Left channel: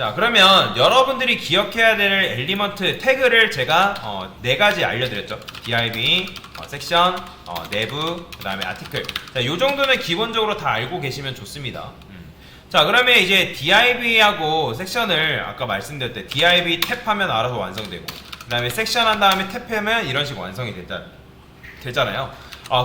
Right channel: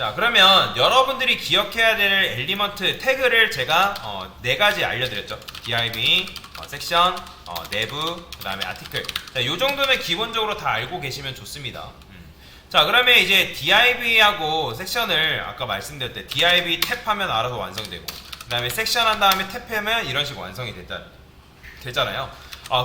자, 그러면 여러분들이 기억해야 될 엘리먼트 태그를 제가 4가지 알려드렸죠. div, 섹션, 내부, 그 다음에 아티클. 자, 요 정도는 기본적으로 다 알고 계시면 좋습니다. 자, 그러면 이제 div하고 섹션을 아까 말씀드릴 때 div 탭하면 알아서 완성되고, 그 다음에 섹션 한 다음에 탭하면 이런 식으로 완성이 되잖아요.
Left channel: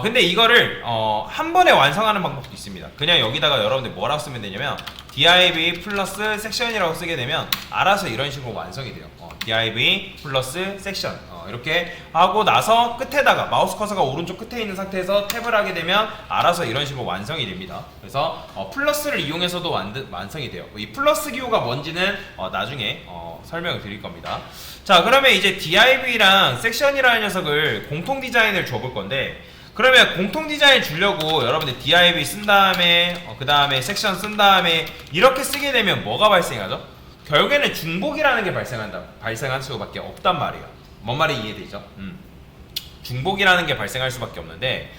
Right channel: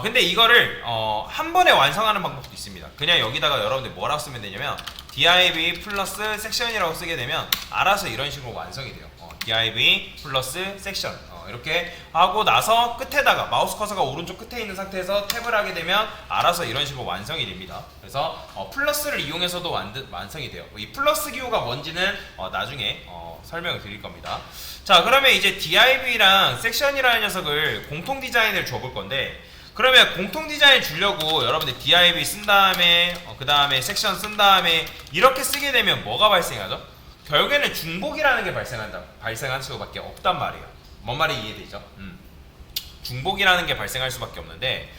근데 이거를 한 번에 완성하는 방법도 있습니다. 그냥 여기다가 여러분들 뭐라고 쓰면 되냐면 div 플러스 섹션이라고 쓰게 되면 알아서 이런 식으로 완성이 돼요. div 플러스 섹션 이렇게 하고 나서 끝에다가 마우스 커서가 오른쪽 끝에 있는 상태에서 탭을 하게 되면 알아서 이런 식으로 완성이 됩니다. 그래서 플러스를 이용해서도 완성이 돼요. 이 플러스 기호가 뭔지는 나중에 설명을 드릴 겁니다. 자, 그러면 이제 div랑 섹션이라는 녀석을 공통 디자인을 줘볼 건데, 그러면 공통 디자인 주려고 여러분들 div 쓴 다음에 그 다음에 섹션 쓴 다음에 이렇게 쓰게 되면 뭐가 발생하죠? 결국에는 중복이라는 게 발생할 수밖에 없단 말이에요. 뭔 말이 이해되죠? 중복이라는 게 발생할 수밖에 없는데,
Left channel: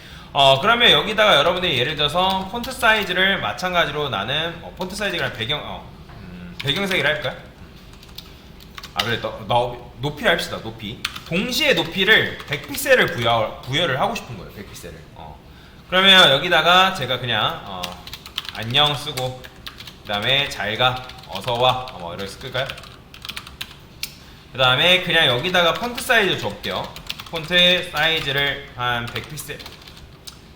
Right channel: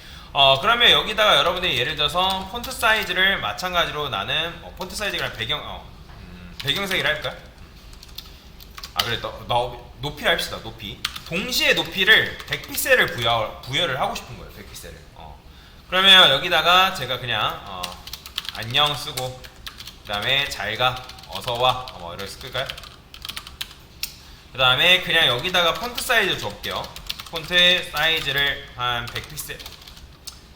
그러면 여기다가 여러분들이 예를 들어서 폰트 사이즈를 마찬가지로 나는 폰트 사이즈가 배경색이라 할까요? 그래, 높이 합시다. 높이. 동시에 높이를 100픽셀을 부여를 하고 싶은 거예요. 100픽셀을. 그러면 여기다가 제가 그냥 안녕 쓰고, 그 다음에 잘가, 어서와, 이렇게 쓸까요? 그 다음에 그냥 여기다가 폰트 사이즈 줘볼게요. 폰트 사이즈를 한 100픽셀,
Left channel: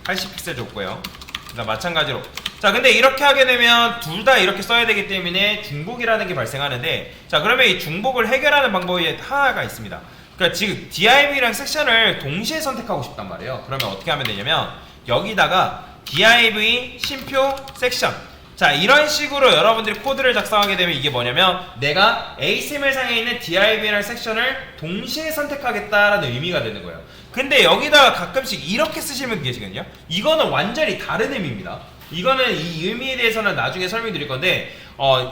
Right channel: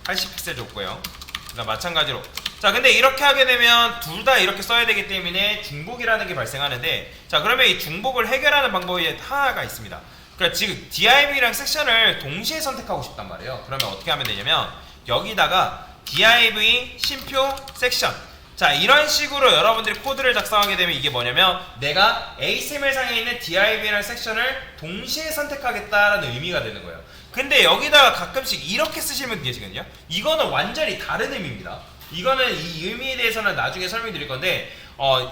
80픽셀 줬고요. 그 다음 마찬가지로. 자, 근데 이렇게 하게 되면 둘 다 이렇게 써야 되기 때문에 중복이라는 게 발생하는데, 자, 그러면 이 중복을 해결하는 방법이 하나가 있습니다. 그러니까 지금 div랑 섹션을 동시에 선택하고 싶단 말이에요. 그러면 어떻게 하면 되냐면 여기다가 div 쉼표 섹션. 자, 이런 식으로 여러분들이 코드를 작성하게 되면 이게 뭐냐면 내가 HTML상에 있는 div랑 섹션을 동시에 선택하겠다라는 의미가 되는 거예요. 근데 여기다가 가끔씩 이렇게 쓰시면 계시거든요. 이거는 완전히 다른 의미입니다. 이거는 이 의미에 대해서는 나중에 설명드릴 건데,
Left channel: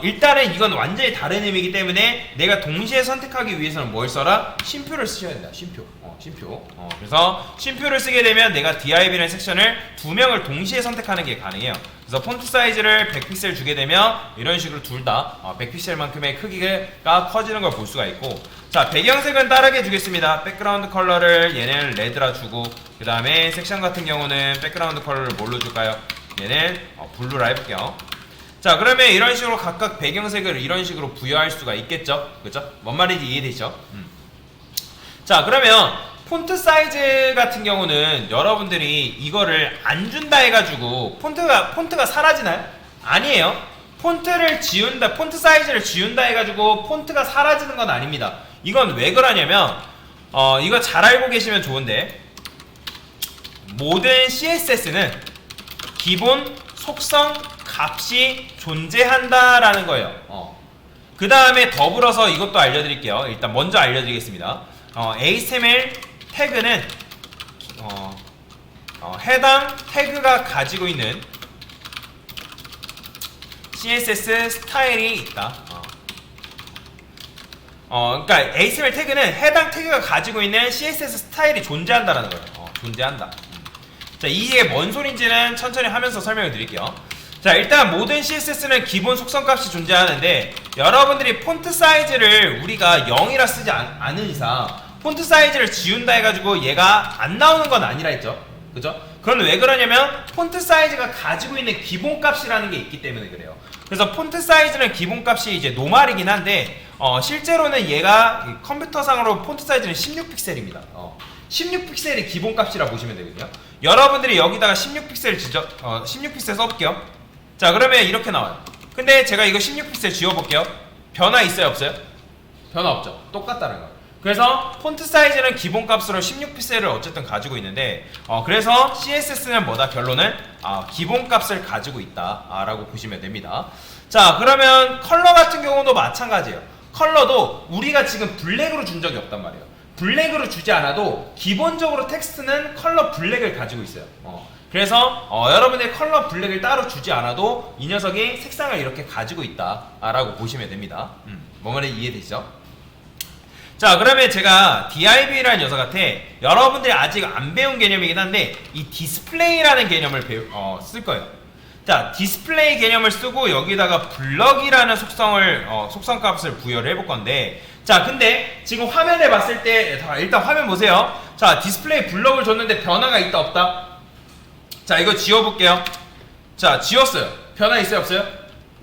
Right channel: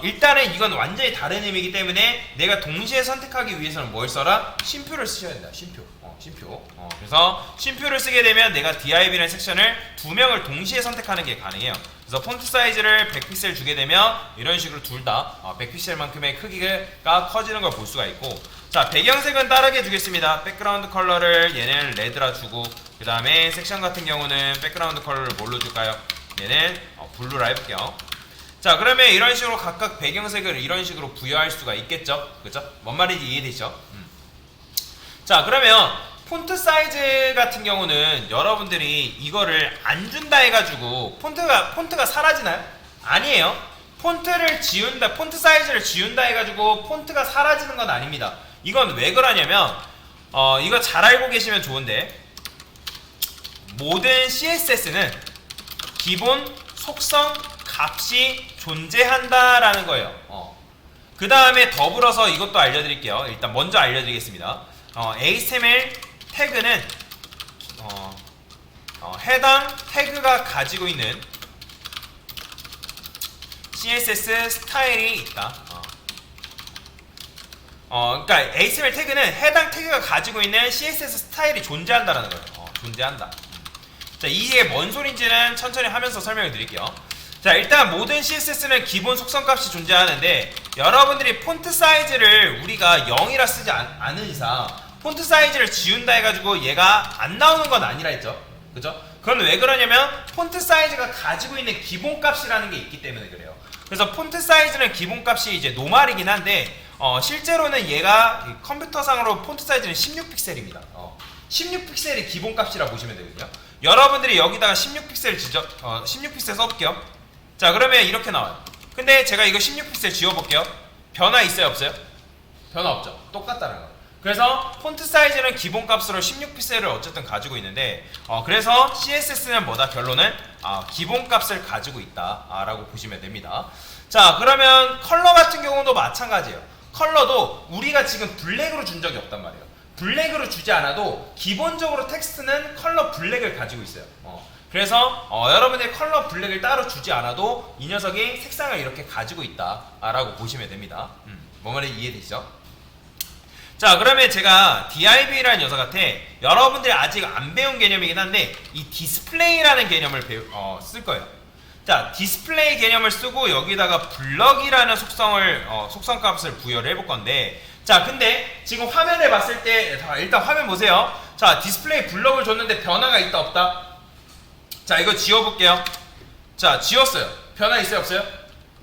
일단은 이건 완전히 다른 의미이기 때문에 내가 동시에 선택하기 위해서는 뭘 써라? 쉼표를 쓰셔야 된다. 쉼표. 쉼표. 그래서 쉼표를 쓰게 되면 내가 div라는 섹션을 두 명을 동시에 선택하는 게 가능해요. 그래서 폰트 사이즈를 100픽셀 주게 되면 이런 식으로 둘 다 100픽셀만큼의 크기가 커지는 걸 볼 수가 있고, 자, 배경색은 다르게 주겠습니다. 백그라운드 컬러를 얘는 레드라 주고, 그 다음에 섹션 같은 경우는 백그라운드 컬러를 뭘로 줄까요? 얘는 블루라 해볼게요. 자, 그러면 이런 식으로 각각 배경색을 이런 식으로 부여할 수가 있겠죠? 그죠? 뭔 말인지 이해되죠? 자, 그러면 폰트 사이즈 같은 경우는 여러분들이 이거를 안 준다 해가지고 폰트가 사라지나요? 아니에요. 폰트를 지운다, 폰트 사이즈를 지운다 해가지고 폰트가 사라지는 건 아닙니다. 이건 왜 그러냐면 이거 잘 알고 계시면 좋은데, 모든 CSS는 기본 속성 값이 존재한다라는 거예요. 그 다음에 더불어서 이것도 알려드릴게요. 일단 먼저 알려드리겠습니다. HTML 태그는 해당 태그가 가지고 있는 CSS 스타일이 있다. 그러니까 HTML 태그는 해당 태그가 가지고 있는 CSS 스타일이 존재한다라는 거예요. 존재한다. 자, 이게 뭔 소린지는 천천히 하면서 설명을 드릴게요. 자, 일단 모든 CSS는 기본 속성값이 존재하는데, 여러분들이 폰트 사이즈를 우리가 0이라 쓰지 않은 이상 폰트 사이즈를 지운다 해가지고 얘가 안 나오는 건 아니라 했죠. 그죠? 그건 왜 그러냐면 폰트 사이즈가 가지고 있는 기본값이라는 게 있기 때문에 그래요. 그래서 폰트 사이즈는 기본값이 이제 노말이긴 한데, 실제로는 얘가 컴퓨터상으로 폰트 사이즈는 16픽셀입니다. 16픽셀이 기본값이라 보시면 되거든요. 여러분들이 여기다가 16픽셀 써볼게요. 자, 그러면 이렇게 나와요. 근데 제가 이거 16픽셀 지워볼게요. 변화 있어요, 없어요? 변화 없죠. 똑같다는 거. 그래서 폰트 사이즈는 기본값으로 16픽셀을 어쨌든 가지고 있는데, 그래서 CSS는 뭐다? 결론은 기본값을 가지고 있다 라고 보시면 됩니다. 자, 그러면 컬러 같은 경우도 마찬가지예요. 컬러도 우리가 지금 블랙으로 준 적이 없단 말이에요. 블랙으로 주지 않아도 기본적으로 텍스트는 컬러 블랙을 가지고 있어요. 그래서 여러분의 컬러 블랙을 따로 주지 않아도 이 녀석이 색상을 이렇게 가지고 있다 라고 보시면 됩니다. 뭔 말인지 이해되시죠? 자, 그러면 제가 div라는 녀석한테 여러분들이 아직 안 배운 개념이긴 한데 이 디스플레이라는 개념을 쓸 거예요. 자, 디스플레이 개념을 쓰고 여기다가 블럭이라는 속성 값을 부여를 해볼 건데, 자, 근데 지금 화면에 봤을 때, 자, 일단 화면 보세요. 자, 디스플레이 블럭을 줬는데 변화가 있다 없다? 자, 이거 지워볼게요. 자, 지웠어요. 변화 있어요 없어요?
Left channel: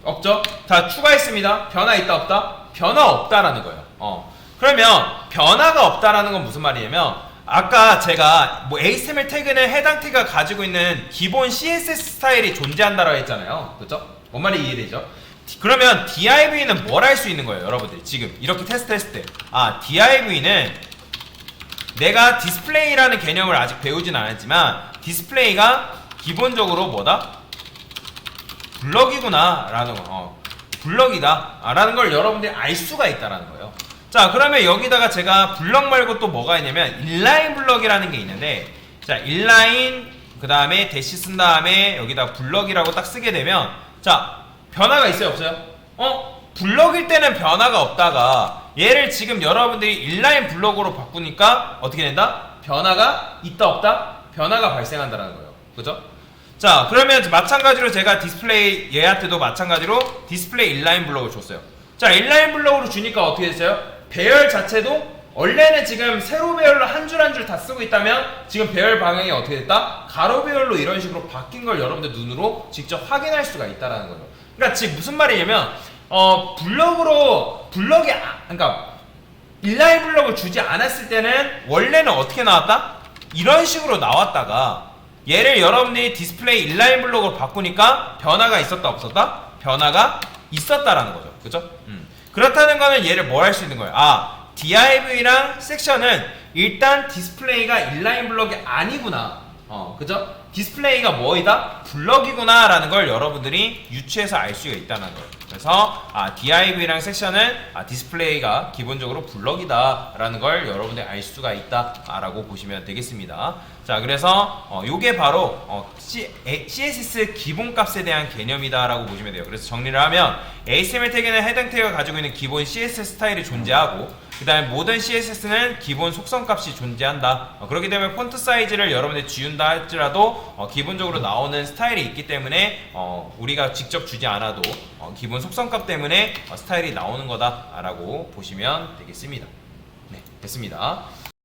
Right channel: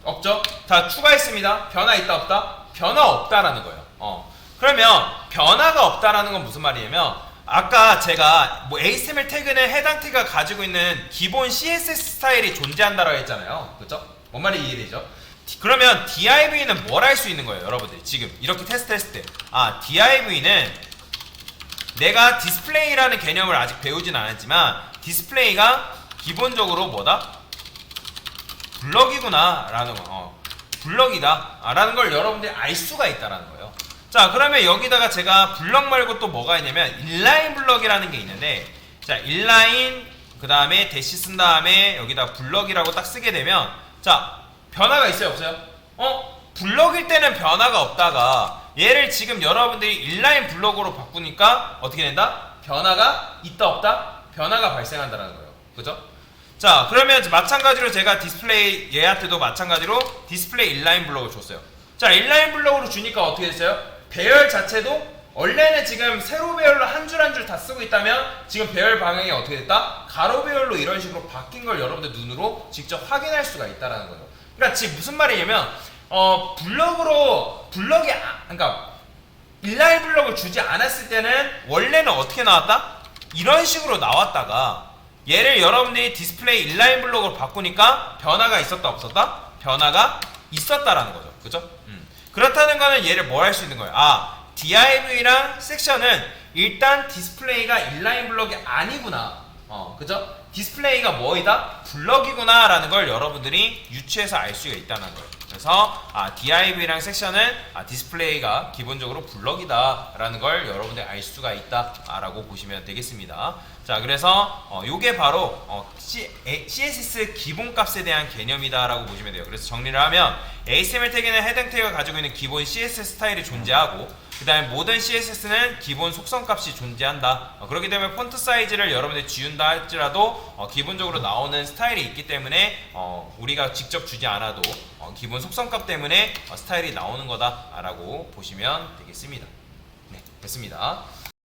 없죠? 자, 추가했습니다. 변화 있다 없다? 변화 없다라는 거예요. 그러면 변화가 없다라는 건 무슨 말이냐면, 아까 제가 뭐 HTML 태그는 해당 태그가 가지고 있는 기본 CSS 스타일이 존재한다라고 했잖아요. 그죠? 뭔 말이 이해되죠? 그러면 div는 뭘 할 수 있는 거예요, 여러분들? 지금 이렇게 테스트했을 때, div는 내가 디스플레이라는 개념을 아직 배우진 않았지만 디스플레이가 기본적으로 뭐다? 블럭이구나 라는 거, 블럭이다 라는 걸 여러분들이 알 수가 있다라는 거예요. 자, 그러면 여기다가 제가 블럭 말고 또 뭐가 있냐면 인라인 블럭이라는 게 있는데, 자, 인라인 그 다음에 대시 쓴 다음에 여기다 블럭이라고 딱 쓰게 되면, 자, 변화가 있어요 없어요? 블럭일 때는 변화가 없다가 얘를 지금 여러분들이 인라인 블럭으로 바꾸니까 어떻게 된다? 변화가 있다 없다? 변화가 발생한다는 거예요. 그죠? 자, 그러면 마찬가지로 제가 디스플레이 얘한테도 마찬가지로 디스플레이 인라인 블럭을 줬어요. 자, 인라인 블럭으로 주니까 어떻게 됐어요? 배열 자체도 원래는 지금 세로 배열로 한 줄 한 줄 다 쓰고 있다면 지금 배열 방향이 어떻게 됐다? 가로 배열로 이런 식으로 바뀐 걸 여러분들 눈으로 직접 확인할 수가 있다는 거예요. 그러니까 지금 무슨 말이냐면 그러니까 인라인 블럭을 주지 않았을 때는 원래는 어떻게 나왔다? 이런 식으로 나왔다가 얘를 여러분들이 디스플레이 인라인 블럭으로 바꾸니까 변화가 있었다 없었다? 변화가 있었다라는 거죠. 그죠? 그렇다는 거는 얘를 뭘 할 수 있는 거예요? div랑 섹션은 일단 디스플레이가 인라인 블럭이 아니구나. 그죠? 디스플레이가 뭐이다? 블럭이구나 라는 걸 여러분들이 유추해서 알 수가 있다는 거예요. 그래서 div랑 섹션은 디스플레이가 기본적으로 블럭이다 라는 걸 여러분들이 알 수가 있다 라고 보시면 되겠습니다. 자, 그래서 요게 바로 CSS 기본값에 대한 개념이다 라고 보시면 돼요. 그래서 정리를 하면 HTML 태그는 해당 태그가 가지고 있는 기본 CSS 스타일이 존재하고, 그 다음에 모든 CSS는 기본 속성값이 존재한다. 그렇기 때문에 폰트 사이즈를 여러분들이 지운다 할지라도 기본적으로 나오는 스타일이 있기 때문에 우리가 직접 주지 않아도 기본 속성값 때문에 스타일이 나오는 거다 라고 보시면 되겠습니다. 네, 됐습니다.